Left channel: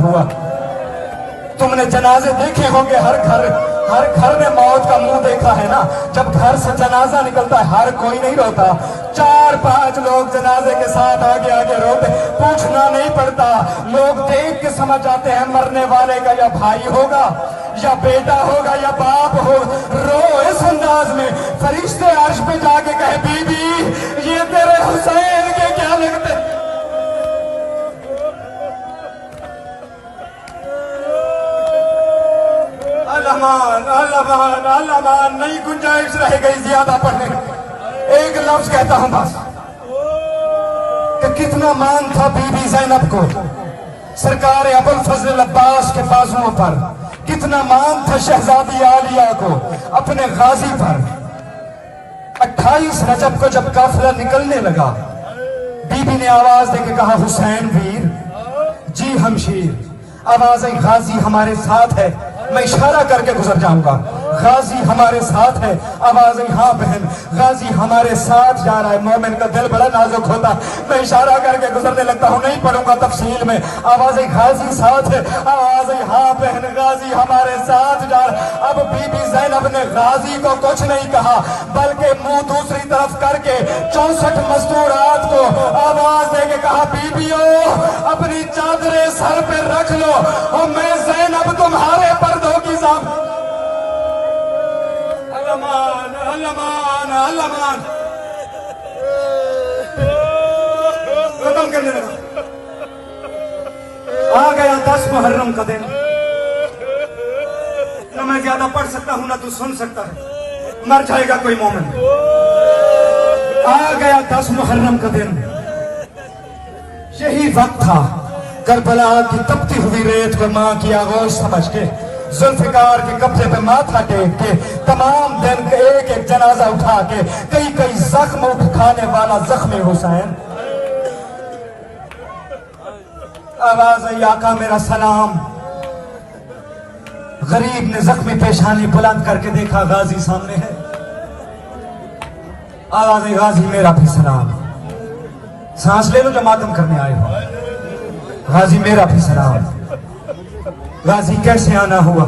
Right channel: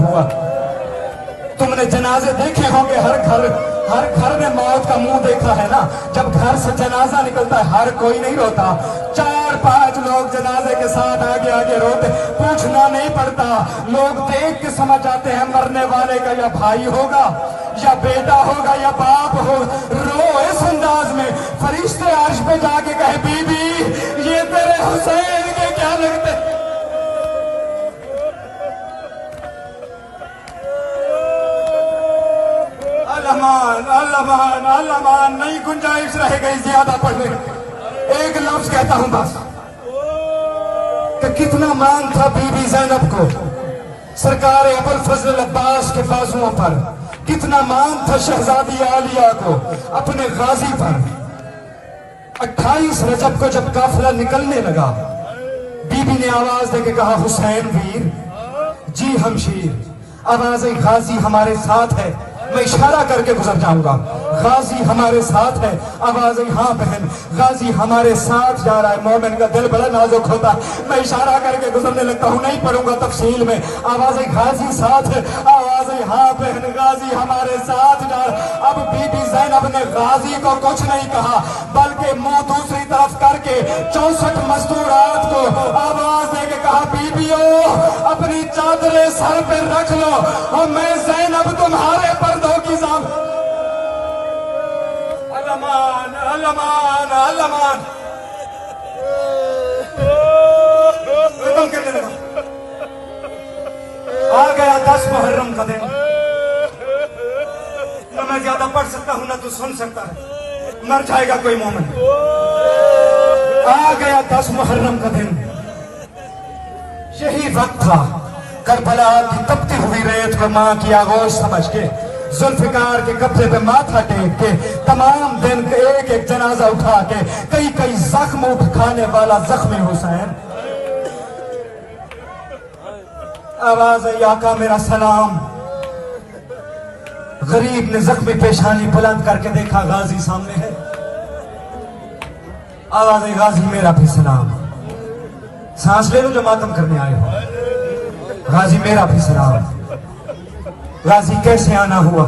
हुआ। तुमने जनाजे देखे होंगे, हर घर ने मौत का मुंह देखा है ना। जब घर से जनाजा निकलता है हर कोई नहीं रोता, 4-5 लोग जनाजे के साथ आगे आगे रोते, पूछना नहीं पड़ता। लोग देख के समझ जाते हैं मरने वाले का या भाई होगा या बेटा होगा या बाप होगा। रो इस अंदाज में फरिश्ते अर्श पे जाके कहे बीबी ये तेरे हुसैन के क्या लगते। अल्लाह नहीं गुंजाइश रह गई ज्यादा पढ़ने। एक लफ्ज कहता हूं बस कि कितना मान था बीबी ज़ैनब को सरकार अबुल फजल अब्बास के बाजुओं पर, कितना मान था शहजादी आलिया को अपने गाजी पर। 28 रजब को जब काफिला निकलने लगा, बीबी ने आवाज देके कहा हुसैन वीर जी हमशीर। आवाज गाजी हमारे साथ है, मैं इशारा करके गुजर जाऊंगा। गाजी हमारे साथ है, आवाज हाँ बहन गाजी हमारे साथ जा रहा है। मोमिन का दिल बड़ा नाजुक होता, मैं इशारा करके गुजरने लगता हूँ, नहीं पढ़ूंगा तफसील में। आवाज गाजी साथ है, आवाज हाँ बहन गाजी हमारे साथ जा रहा। अब बीबी ज़ैनब ने गाजी को कुछ नहीं कहा, बल्कि मुंह दूसरी तरफ करके 64 मजदूरात को आवाज देके कहा बीबियो अपनी चादरें सर पे रख लो और मैं ज़ैनब तुम्हारे पर्दों की साम। अल्लामान अल्लामान अल्लामान आ गया 10 मुहर्रम का दिन। न मैं ज्यादा पढ़ सकता हूं ना तू सुन सकता है, मर जाएगा कोई मोमिन। आ गया 10 मुहर्रम का दिन। यही वक्त था करबला की तपती हुई रेत को मां की आगोश समझ के, जुल्फिकार के कब्जे पे माथा टेक के, तमाम दिन एक एक जनाजा उठा के, कई कई जख्म उठाने वाला जख्मी हुसैन। आवाज आई आका मेरा सलाम। गरीब ने जख्मी पेशानी बुलंद करके देखा, गाजी सामने है। आवाज आई गाजी मेरा भी सलाम। सांस ले लो जो मातम करने आए हो। गाजी मेरा भी सलाम। गाजी कैसे आना हुआ?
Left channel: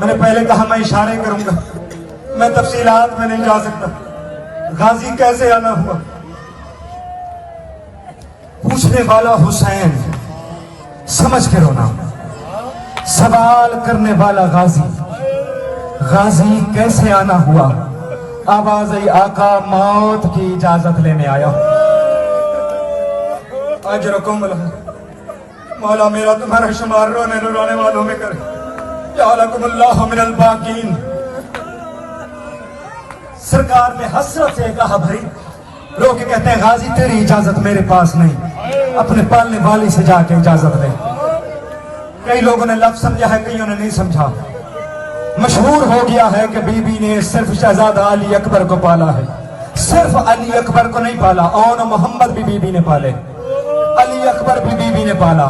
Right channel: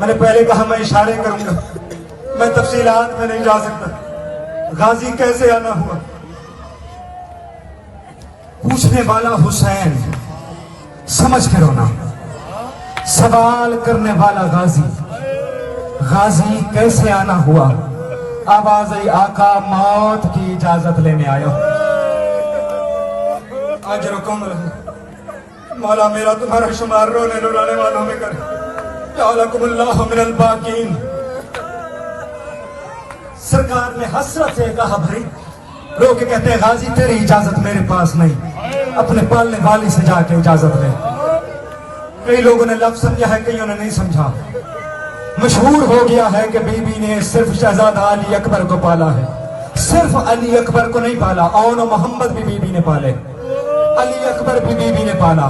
मैंने पहले कहा मैं इशारे करूंगा, मैं तफसीलात में नहीं जा सकता। गाजी कैसे आना हुआ? पूछने वाला हुसैन समझ के रोना, सवाल करने वाला गाजी। गाजी कैसे आना हुआ? आवाज आई आका मौत की इजाजत लेने आया। आज रकम मौला मेरा तुम्हारा शुमार रोने रुलाने वालों में कर। जालकुमुल्लाहु मिनल बाकीन। सरकार ने हसरत से कहा भाई रो के कहते हैं गाजी तेरी इजाजत मेरे पास नहीं, अपने पालने वाली से जाके इजाजत ले। कई लोगों ने लफ्ज समझा है, कईयों ने नहीं समझा। मशहूर हो गया है कि बीबी ने सिर्फ शहजादा अली अकबर को पाला है, सिर्फ अली अकबर को नहीं पाला, और मोहम्मद भी बीबी ने पाले, अली अकबर भी बीबी ने पाला,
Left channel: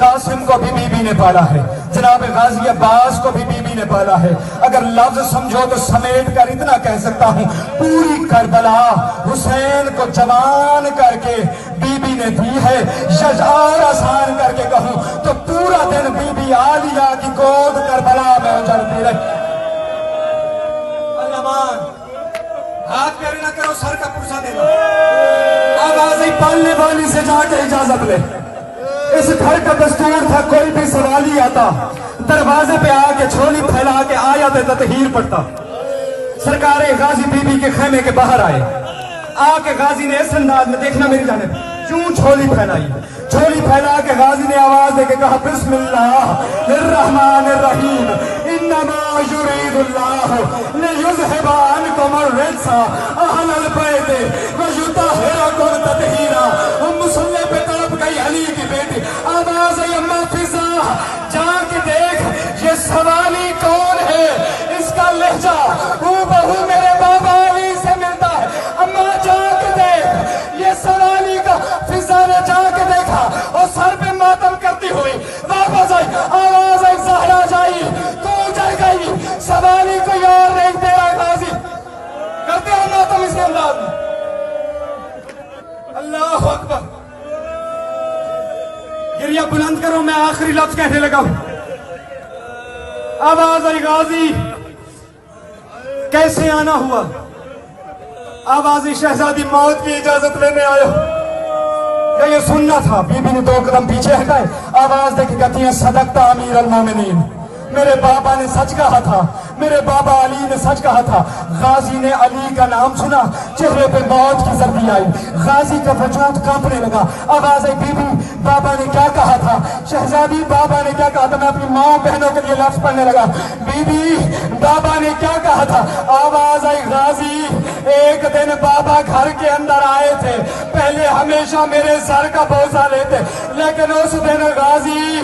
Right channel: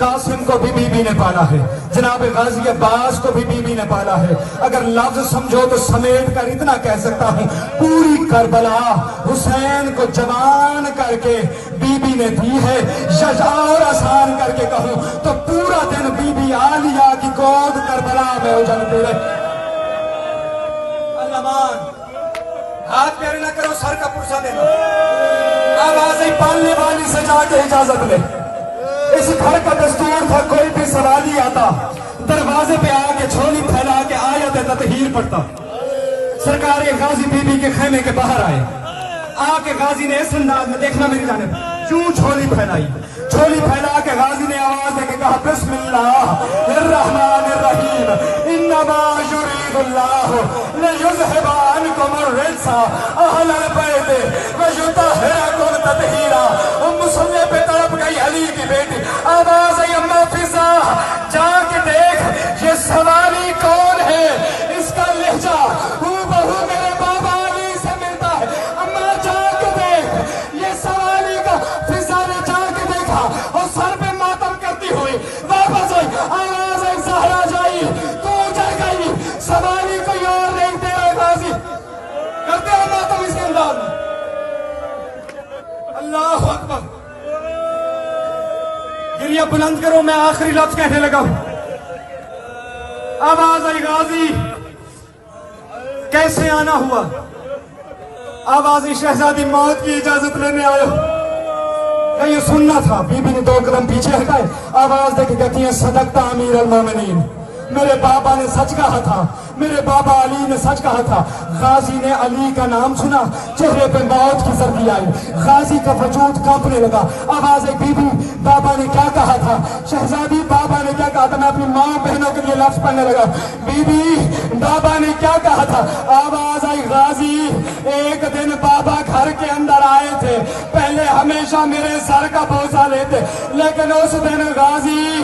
कासिम को भी बीबी ने पाला है, जनाब गाजी अब्बास को भी बीबी ने पाला है। अगर लफ्ज समझो तो समेट कर इतना कह सकता हूँ, पूरी करबला हुसैन को जवान करके बीबी ने दी है। और आसान करके कहूँ तो पूरा दिन बीबी आलिया की गोद करबला में उजलती रही। अल्लामान हाथ पैर न करो, सर का पुरसा दे दो। आवाज पालने वाली से जाके इजाजत ले। इस घर का दस्तूर था, कोई भी सवाली आता दरवाजे पे आके झोली फैला के आयत ततहीर पढ़ता। सरकार गाजी बीबी के खेमे के बाहर आए, आके गाजी ने इस अंदाज में, देखना मेरी जाने, क्यों झोली फैलाई। झोली फैला के गाजी ने आवाज देके कहा बिस्मिल्लाहिर्रहमानिर्रहीम इन्नमा युरीदुल्लाहु लियुज़हिबा अन्कुम अर्रिज्सा अहलल बैत व युतहिरकुम तत्हीरा। मुसल्ले पे तड़प गई अली की बेटी। आवाज आई अम्मा फिजा जाके देख ये सवाली कौन है, इसका लहजा हूबहू मेरे बाबा अली से मिलता है। अम्मा जाके देख ये सवाली का। फिजा ने जाके देखा और सर पे मातम करती हुई वापस आई। आवाज आई ज़हरा जाई तू जल गई, सवाली कोई और नहीं तेरा गाजी। करते हो मातम इसके अंदाज में। अल्लाह अकबर। गिरिया बुलंद करो, मैं आखिरी लफ्ज कहने लगा हूं। आवाज आई गाजी, कैसे आना हुआ? आवाज शहजादी मौत की इजाजत लेने आयो। ये सुनना था। बीबी ने 2 कदम पीछे हटाए, आवाज दे के कहती है, सदकता अमीर अल मोमिनीन, मेरे बाबा ने सच कहा था, मेरे बाबा अली ने सच कहा था। गाजी ने अली का नाम सुना, चेहरे पे मौत की सर्दी आई, गाजी का वजूद कांपने लगा। आवाज आई, बीबी बाबा ने क्या कहा था? शहजादी बाबा ने क्या कहा था? मैं अपनी माँ बहनों के लिए लफ्ज पढ़ने लगा। बीबी बाबा ने क्या कहा था? आवाज आई, गाजी एक दिन बाबा घर के अंदर आए थे, पहले हमेशा मेरे सर का बोझा लेते, लेकिन उस दिन गाजी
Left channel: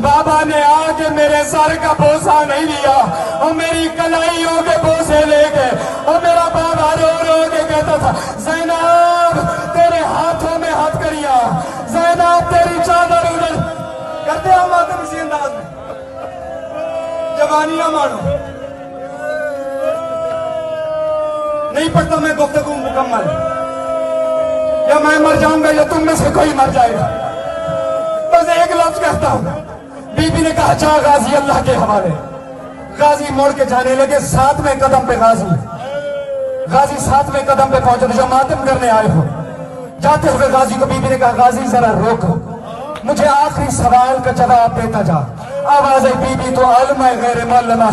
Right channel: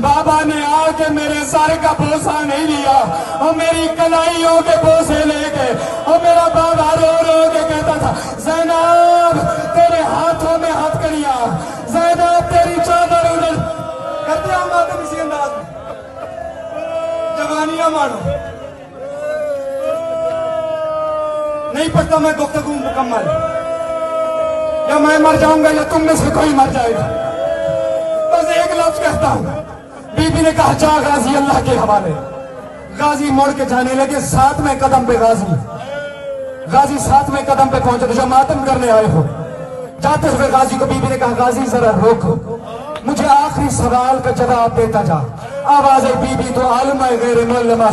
बाबा ने आके मेरे सर का बोझा नहीं लिया और मेरी कलाइयों के बोझे लेके, और मेरा बाबा रो रो के कहता था, ज़ैनब तेरे हाथों में हथकड़ियां, ज़ैनब तेरी चादर उधर करते हम आते किसी अंदाज में। जवानियां मानो, नहीं पढ़ता मैं गुफ्तगू मुकम्मल, या मैं मर जाऊंगा या तुम में से कोई मर जाएगा। बस एक लफ्ज कहता हूं। बीबी ने कहा, जा गाजी अल्लाह के हवाले। गाजी मुड़ के जाने लगे। 7वें कदम पे गाजी 7वें कदम पे पहुंचे थे, जो मातम करने आए हो। जाते हुए गाजी को बीबी ने कहा, गाजी जरा रोको, मुझे आखिरी सवाल का जवाब देता जा। आवाज आई, बीबी तो आलिम है गैर मुअल्लिमा,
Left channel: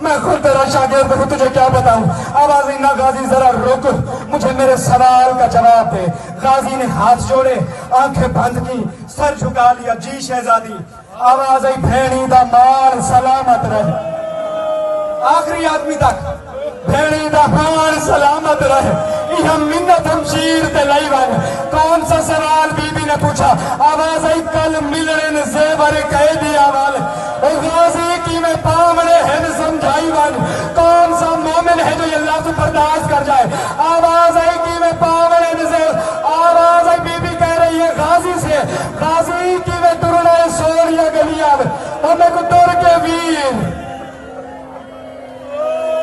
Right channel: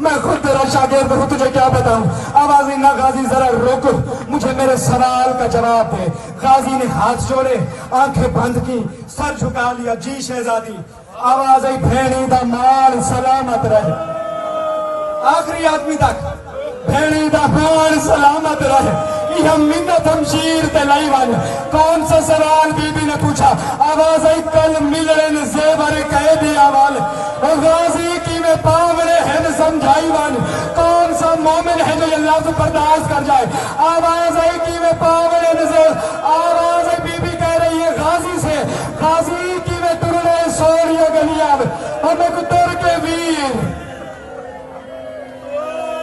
मैं खुद तेरा शागिर्द हूं, तुझे क्या बताऊं? आवाज आई, ना गाजी जरा रोको, मुझे मेरे सवाल का जवाब दे। गाजी ने हाथ जोड़े, आंखें बंद की, सर झुका लिया। जी शहजादी। आवाज आई, भेड़ी दा माल सलामत रहे, आखिरी आदमी तक भेड़ी दा माल सलामत रहे। यह मिन्नत हम शीर ते लाई वन। कौन सा सवाल बीबी ने पूछा? आवाज आई, कल मिलने जेवर कह दिया वाल, और गाजी की में पावड़े है समझाई वन। कौन सा मोमिन है जो ये लफ्ज बर्दाश्त कर जाए? आवाज आई कि में पावड़े नजर। आवाज आई, बीबी कह रही है गाजी से, गाजी की में तुरना सोनिया गलिया और मैं को तुर के वीर